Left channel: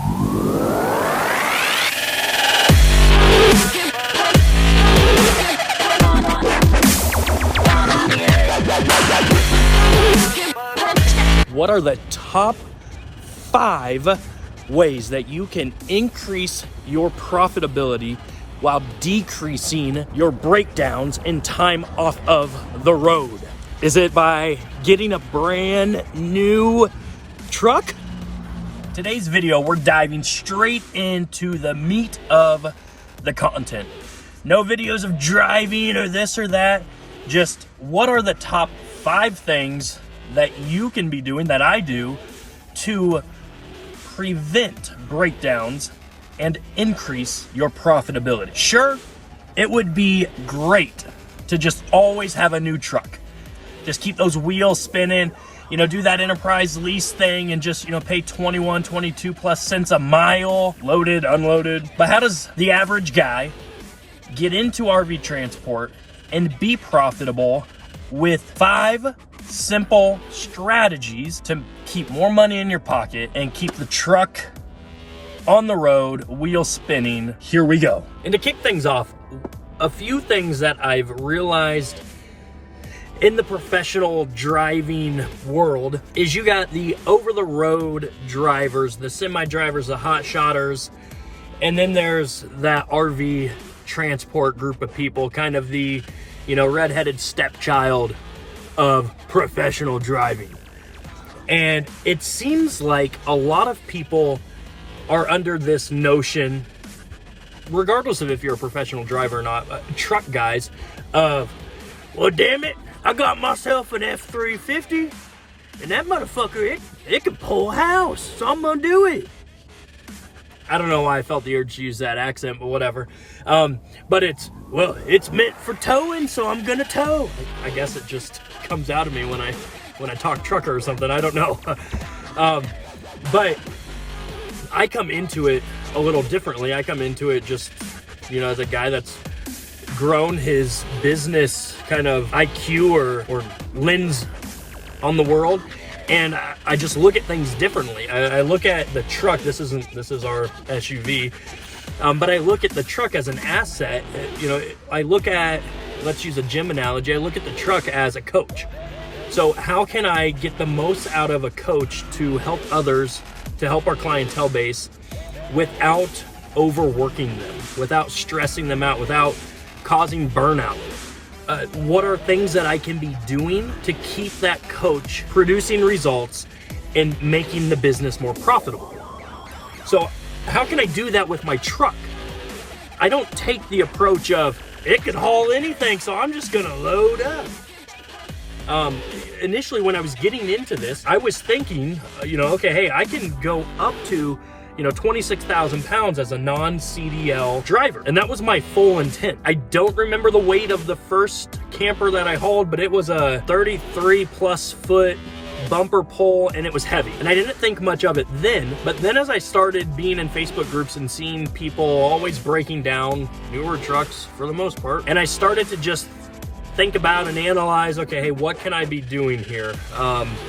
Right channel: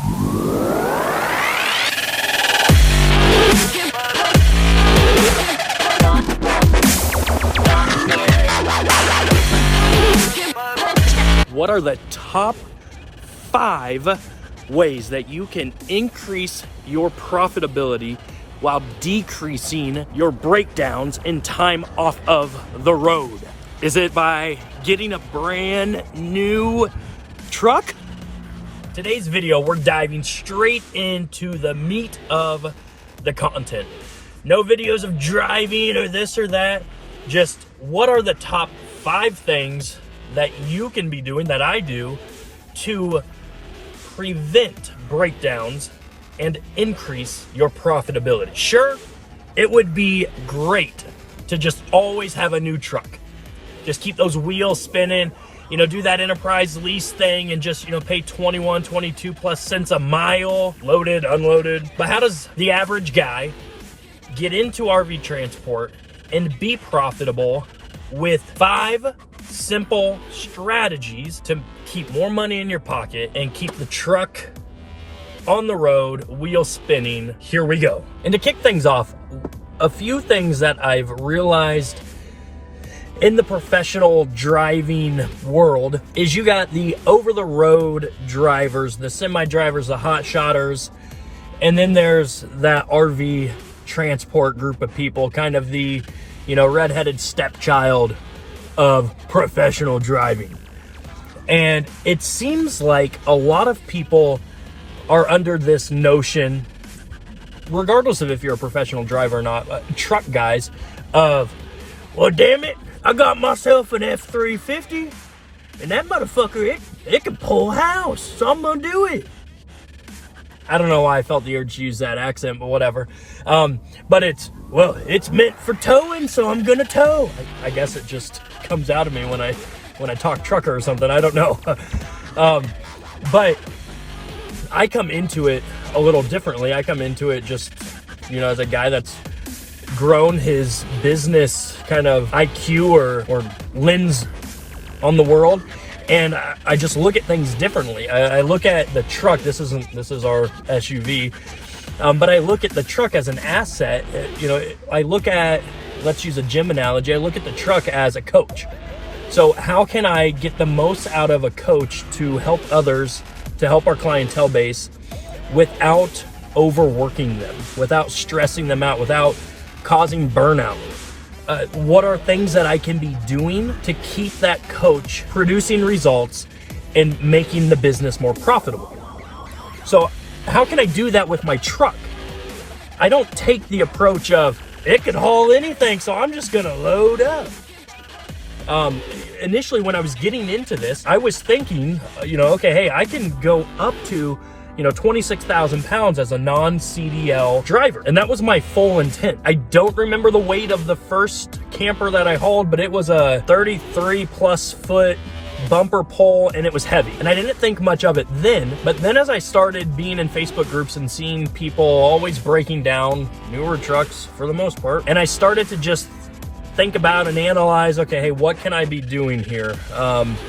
What are the top 5 ways that you can increase your profitability while decreasing your breakdowns and time off of the road? Is it by getting a brand new truck? Today's video, we're diving straight into the meat of the content. No videos of driving or this or that. Just what are the top 5 things that you can be doing, that I do, to prevent breakdowns and increase your profitability. Sure, it would be great to just always have a new truck. Just keep those wheels spinning, do that enterprise lease thing and just, pay 21, 22 plus cents a mile, loaded, unloaded. But how does the average guy get into RV transport and be profitable with 5 simple strategies to keep more money in your pocket and keep the truck on the road, wheel spinning? Here we go. And to kick things off, a few things that I've realized in the professional driving world is you got the over-the-road drivers, the semi-drivers, the hot shotters, and then there's that RV transport group of people, kind of the, redheaded stepchild of professional driving. And it seems like a lot of people are under this notion, regardless of if you're a professional driver or not, truck guys, of, well, damn it, I got myself an F-350, and that motherfucker, it can pull a house, so I'm gonna do it. I don't know why I felt the urge to use that accent, but whatever. But it's meant for towing, so I'm gonna tow. I guess it just comes out of me when I talk trucker or something. I don't know. But I come into it a little differently. I come into it just, as a guy that's grown his business kind of IQ or lens on the world. And I just look at things differently. I look at the truck. This is our SUV. But I look at the truck as an asset. I look at, let's use a gym analogy. I look at the truck as a coach. So how can I get the most out of a coach to help others, to help our clientele base without overworking them, without stressing them out, without causing burnout? What are things that I can be doing to keep that coach producing results and making the business more profitable? So how can I do that with my truck? I don't take the approach of, it can haul anything, so I'm just gonna load up. Initially, when I was getting into this, I was thinking, okay, hey, I can go up to 26,000 pounds as a non-CDL driver. And that was my full intent. I don't remember the weight of the first camper that I hauled, but it was a 33 plus foot bumper pole, and it was heavy. And I didn't think much of it then, but then as I started being in Facebook groups and seeing people always breaking down newer trucks for the most part, and I started to just think about and analyze, okay, hey, what can I be doing here?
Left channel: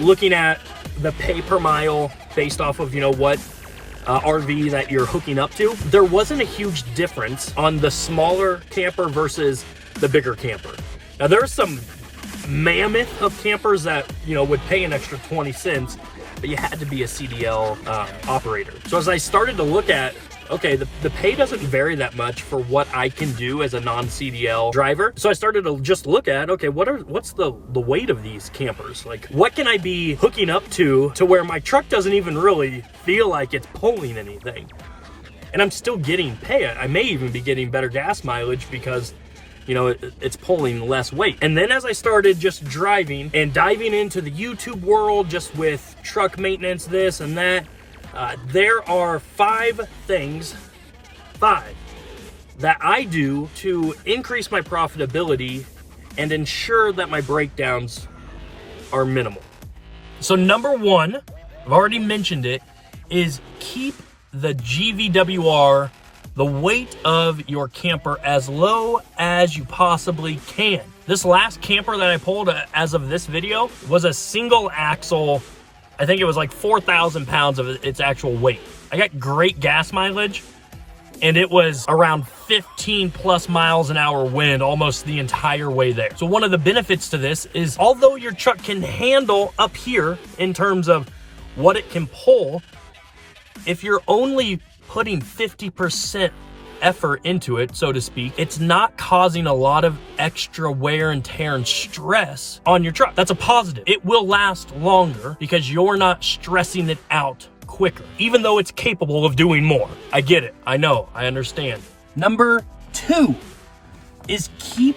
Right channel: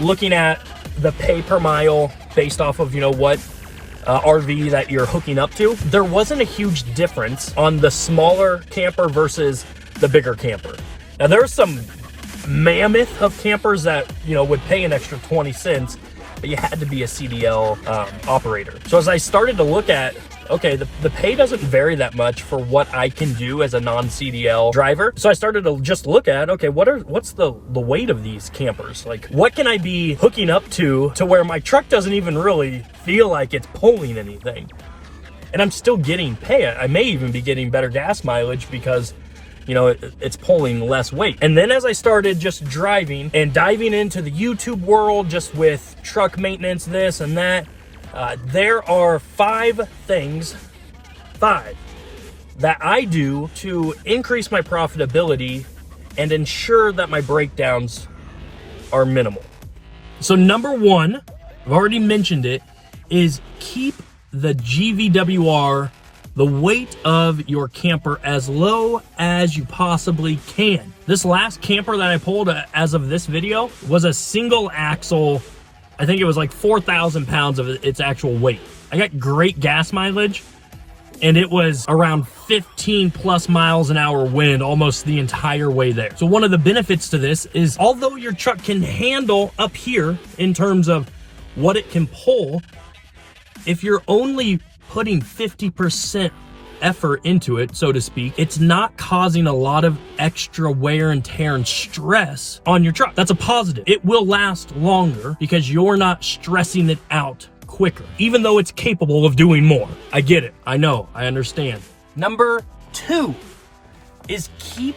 Looking at the pay per mile based off of, what RV that you're hooking up to, there wasn't a huge difference on the smaller camper versus the bigger camper. Now there's some mammoth of campers that, would pay an extra 20 cents, but you had to be a CDL operator. So as I started to look at, okay, the pay doesn't vary that much for what I can do as a non-CDL driver. So I started to just look at, okay, what's the weight of these campers? Like, what can I be hooking up to where my truck doesn't even really feel like it's pulling anything? And I'm still getting pay. I may even be getting better gas mileage because, it's pulling less weight. And then as I started just driving and diving into the YouTube world, just with truck maintenance, this and that, there are 5 things that I do to increase my profitability and ensure that my breakdowns are minimal. So number 1, I've already mentioned it, is keep the GVWR, the weight of your camper, as low as you possibly can. This last camper that I pulled as of this video was a single axle. I think it was like 4,000 pounds of its actual weight. I got great gas mileage, and it was around 15 plus miles an hour wind almost the entire way there. So one of the benefits to this is, although your truck can handle up here in terms of what it can pull, if you're only putting 50% effort into it, so to speak, it's not causing a lot of extra wear and tear and stress on your truck. That's a positive. It will last longer because you're not stressing it out quicker, even though it's capable of doing more. I get it. I know. I understand. Number 2 is keep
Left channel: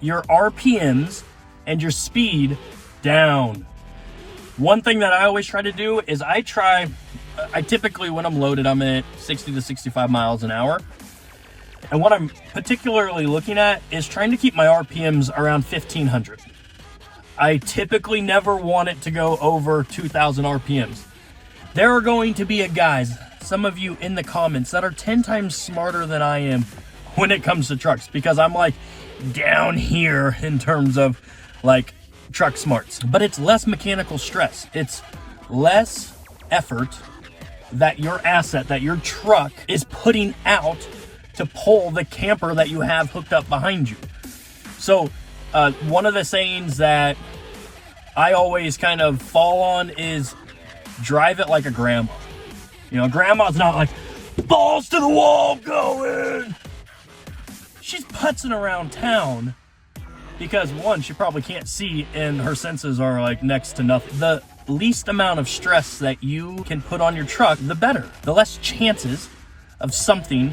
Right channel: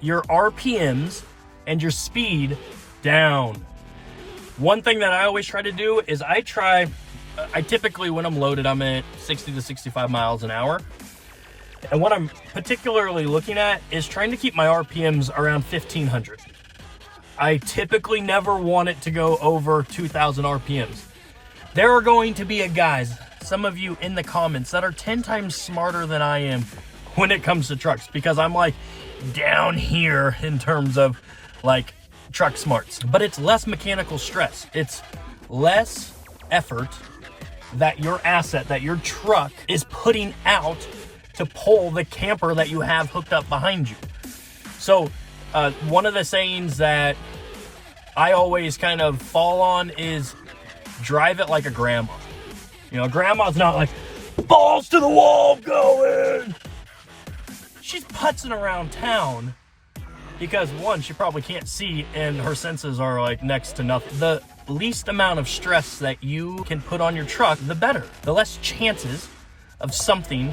your RPMs and your speed down. One thing that I always try to do is I typically, when I'm loaded, I'm at 60 to 65 miles an hour. And what I'm particularly looking at is trying to keep my RPMs around 1500. I typically never want it to go over 2000 RPMs. There are going to be guys, some of you in the comments, that are 10 times smarter than I am when it comes to trucks, because I'm like down here in terms of like truck smarts. But it's less mechanical stress. It's less effort that your asset, that your truck is putting out to pull the camper that you have hooked up behind you. So one of the sayings that I always kind of fall on is drive it like a grandma. You know, grandma's not like balls to the wall going. She's putzing around town because, one, she probably can't see and her senses are like next to nothing. The least amount of stress that you can put on your truck, the better. The less chances of something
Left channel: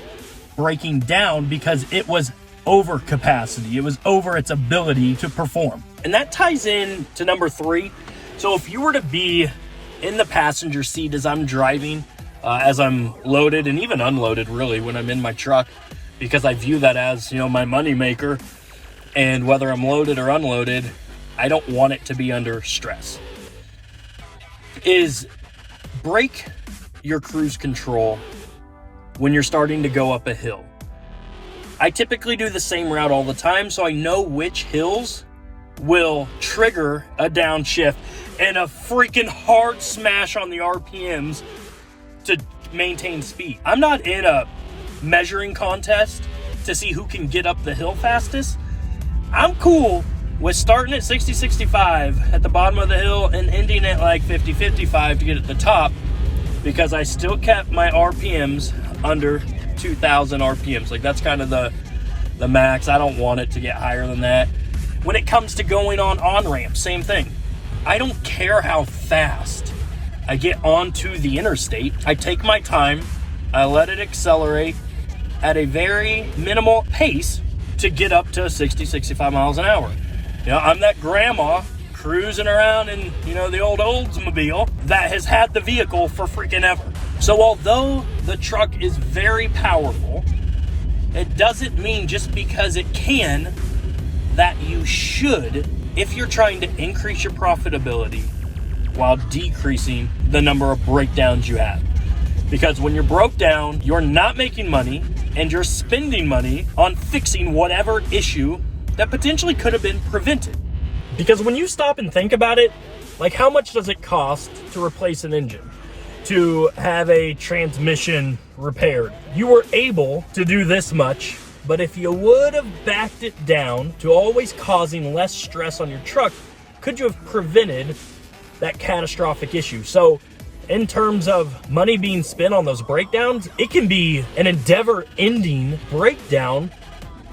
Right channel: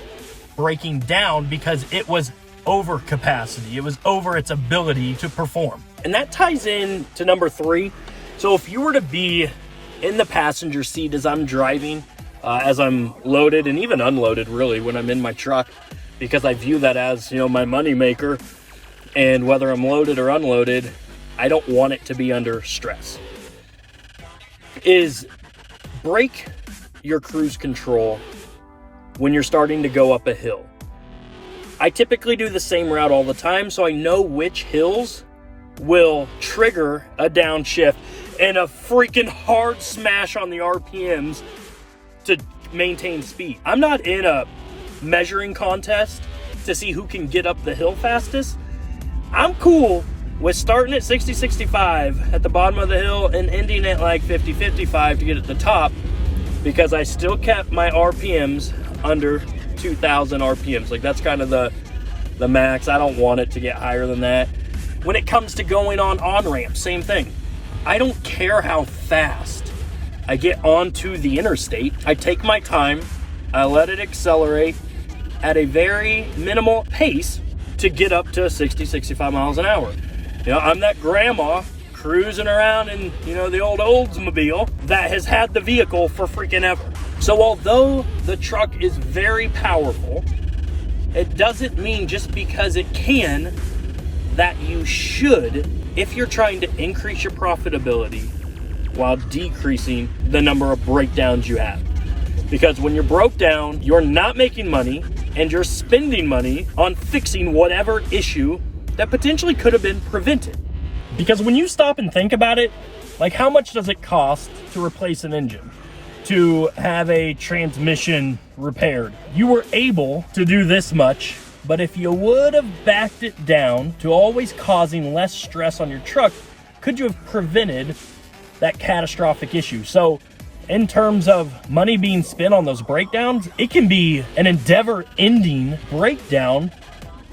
breaking down because it was over capacity. It was over its ability to perform. And that ties in to number 3. So if you were to be in the passenger seat as I'm driving, as I'm loaded and even unloaded really when I'm in my truck, because I view that as, you know, my money maker, and whether I'm loaded or unloaded, I don't want it to be under stress, is break your cruise control when you're starting to go up a hill. I typically do the same route all the time, so I know which hills will trigger a downshift and a freaking hard smash on the RPMs to maintain speed. I'm not in a measuring contest to see who can get up the hill fastest. I'm cool with starting at 60, 65 at the bottom of the hill and ending at like 50, 55 to get at the top, because I still kept my RPMs under 2000 RPMs. Like, that's kind of the max. I don't want it to get higher than that. When it comes to going on ramps, same thing. I don't care how fast I get onto the interstate. I take my time. I let it accelerate at a very minimal pace to get up to 60, 65 miles an hour. You know, I'm that grandma cruising around in, you know, the old Oldsmobile that has had the vehicle for freaking ever. So although the truck is very powerful, it doesn't mean just because it can that you should, if you're trying to increase your profitability while decreasing the number of breakdowns you have. Because when you're broke down, you're not making money and you're spending money on fixing whatever issue that potentially could have been prevented. Because when you stop and think about it, like, how much does it cost to replace an engine? To have a transmission repaired? You were able to do this much, but if you would have backed it down to always causing less stress on your truck, could you have prevented that catastrophic issue? So in terms of money being spent on those breakdowns, it can be an endeavor-ending breakdown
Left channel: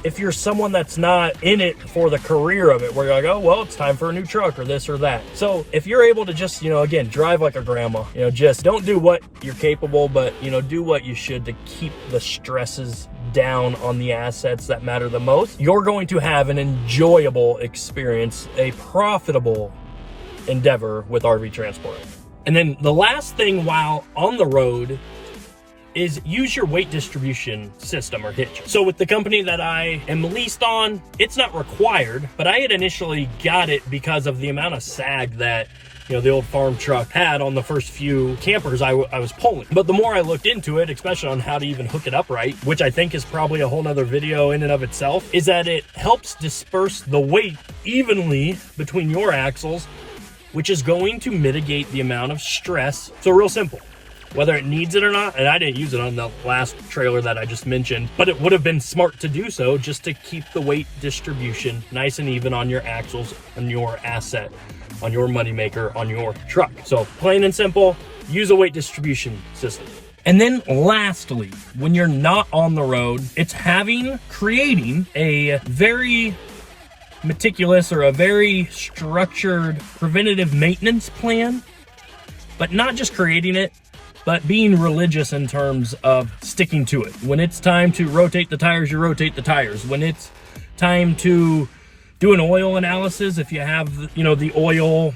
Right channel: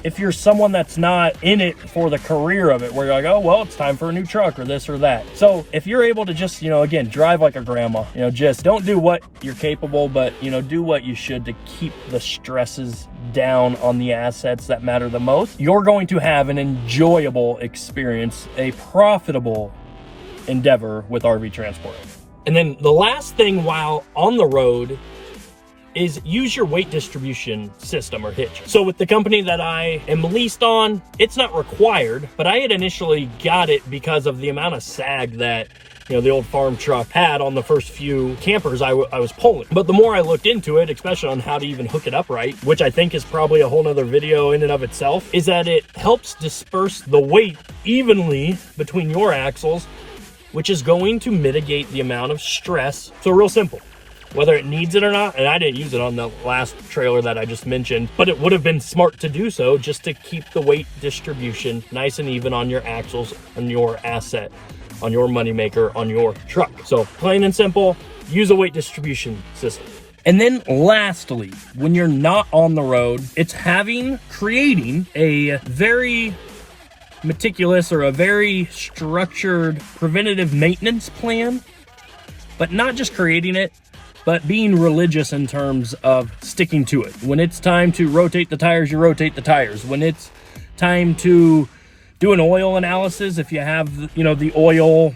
if you're someone that's not in it for the career of it, where you're like, oh, well, it's time for a new truck or this or that. So if you're able to just, you know, again, drive like a grandma, you know, just don't do what you're capable, but, you know, do what you should to keep the stresses down on the assets that matter the most, you're going to have an enjoyable experience, a profitable endeavor with RV transport. And then the last thing while on the road is use your weight distribution system, or Hitch. So with the company that I am leased on, it's not required, but I had initially got it because of the amount of sag that, you know, the old farm truck had on the first few campers I was pulling. But the more I looked into it, especially on how to even hook it up right, which I think is probably a whole nother video in and of itself, is that it helps disperse the weight evenly between your axles, which is going to mitigate the amount of stress. So real simple. whether it needs it or not. And I didn't use it on the last trailer that I just mentioned, but it would have been smart to do so just to keep the weight distribution nice and even on your axles, on your asset, on your moneymaker, on your truck. So plain and simple, use a weight distribution system. And then lastly, when you're not on the road, it's creating a very meticulous or a very structured preventative maintenance plan, but not just creating it, but being religious in terms of sticking to it. When it's time to rotate the tires, you rotate the tires. When it's time to do an oil analysis, if you have, the oil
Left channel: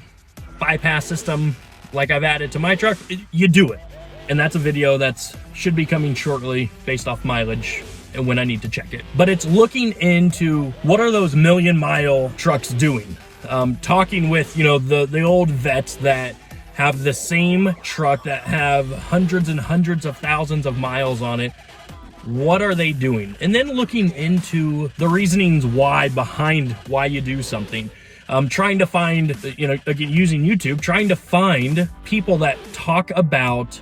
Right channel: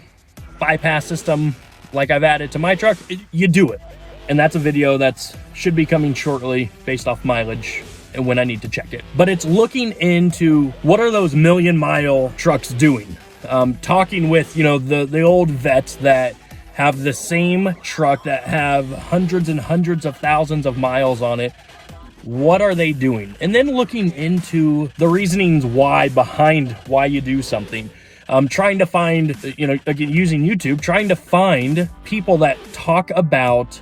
bypass system like I've added to my truck, you do it. And that's a video that should be coming shortly based off mileage and when I need to check it. But it's looking into what are those million-mile trucks doing? Talking with, the old vets that have the same truck that have hundreds and hundreds of thousands of miles on it. What are they doing? And then looking into the reasonings behind why you do something. Trying to find, again, using YouTube, trying to find people that talk about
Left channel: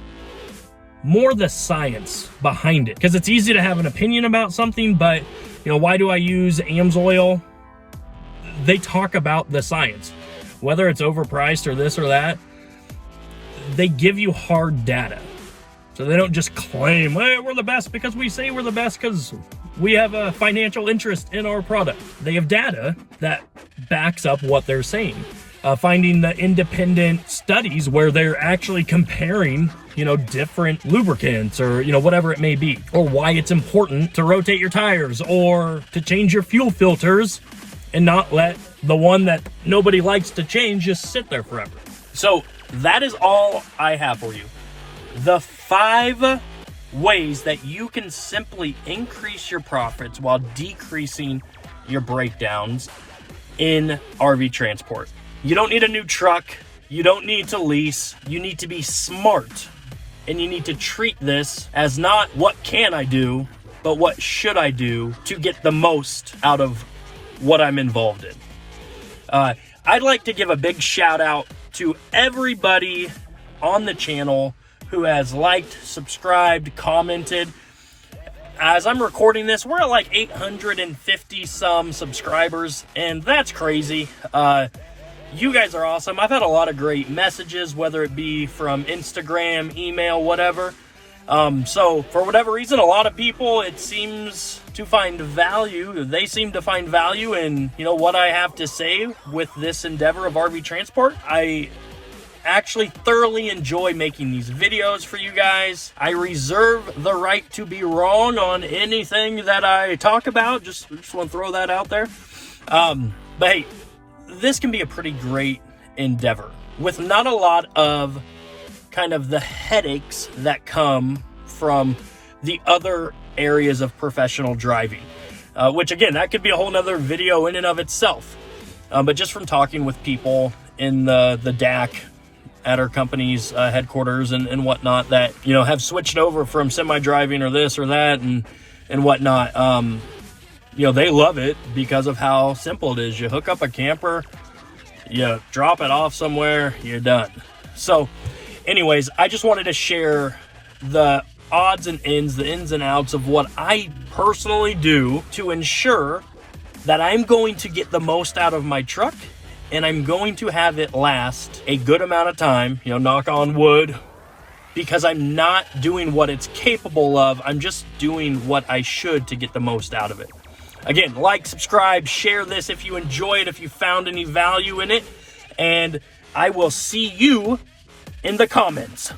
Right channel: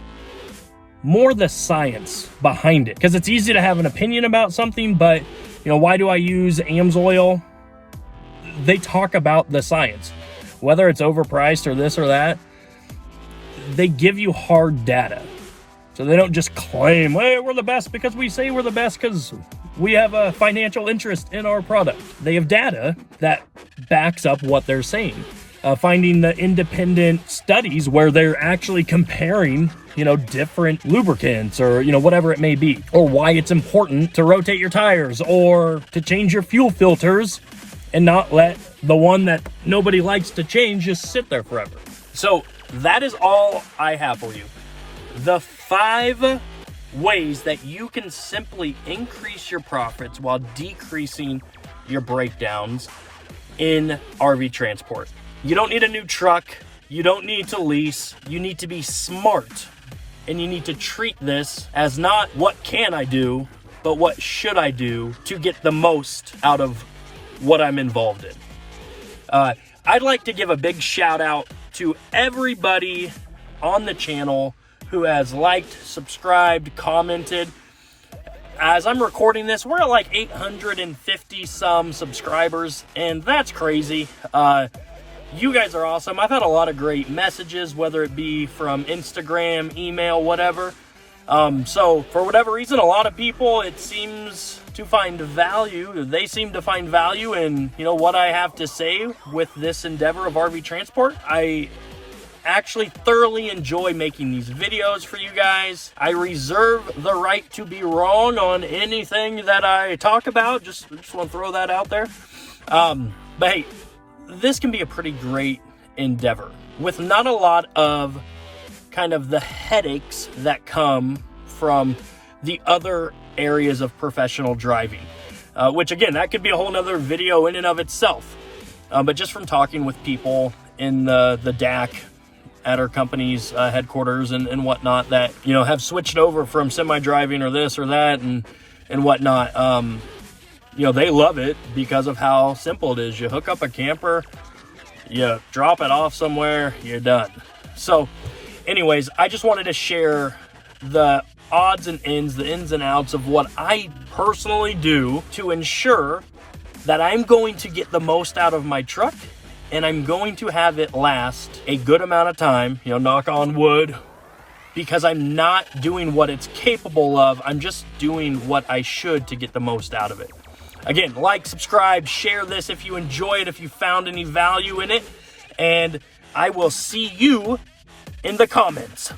more the science behind it. Because it's easy to have an opinion about something, but, why do I use AMSOIL? They talk about the science. Whether it's overpriced or this or that, they give you hard data. So they don't just claim, hey, we're the best because we say we're the best because we have a financial interest in our product. They have data that backs up what they're saying. Finding the independent studies where they're actually comparing, different lubricants or, whatever it may be, or why it's important to rotate your tires or to change your fuel filters and not let the one that nobody likes to change just sit there forever. So that is all I have for you. The 5 ways that you can simply increase your profits while decreasing your breakdowns in RV transport. You don't need a new truck. You don't need to lease. You need to be smart. And you need to treat this as not what can I do, but what should I do to get the most out of what I'm involved in. I'd like to give a big shout out to everybody on the channel who has liked, subscribed, commented. As I'm recording this, we're at like 850 some subscribers, and that's crazy. You guys are awesome. I've had a lot of great messages, whether it be from Instagram, email, whatever. So for whatever reason, a lot of people, it seems to find value. They seem to find value in, what I have to say with this endeavor of RV transport. I actually thoroughly enjoy making these videos for you guys. I reserve the right to be wrong on anything that I talk about. Just want to throw that out there. But hey, this can be a pretty great endeavor with not a lot of kind of the headaches that come from the other areas of professional driving, which again, that could be a whole nother video in and of itself. But just from talking with people in the DAC at our company's headquarters and whatnot that, have switched over from semi-driving or this or that and whatnot, they love it because of how simple it is. You hook up a camper, you drop it off somewhere, you're done. So anyways, I just wanted to share the odds and ends, the ins and outs of what I personally do to ensure that I'm going to get the most out of my truck and I'm going to have it last a good amount of time, knock on wood, because I'm not doing what it's capable of. I'm just doing what I should to get the most out of it. Again, like, subscribe, share this if you enjoy it, if you found any value in it, and I will see you in the comments.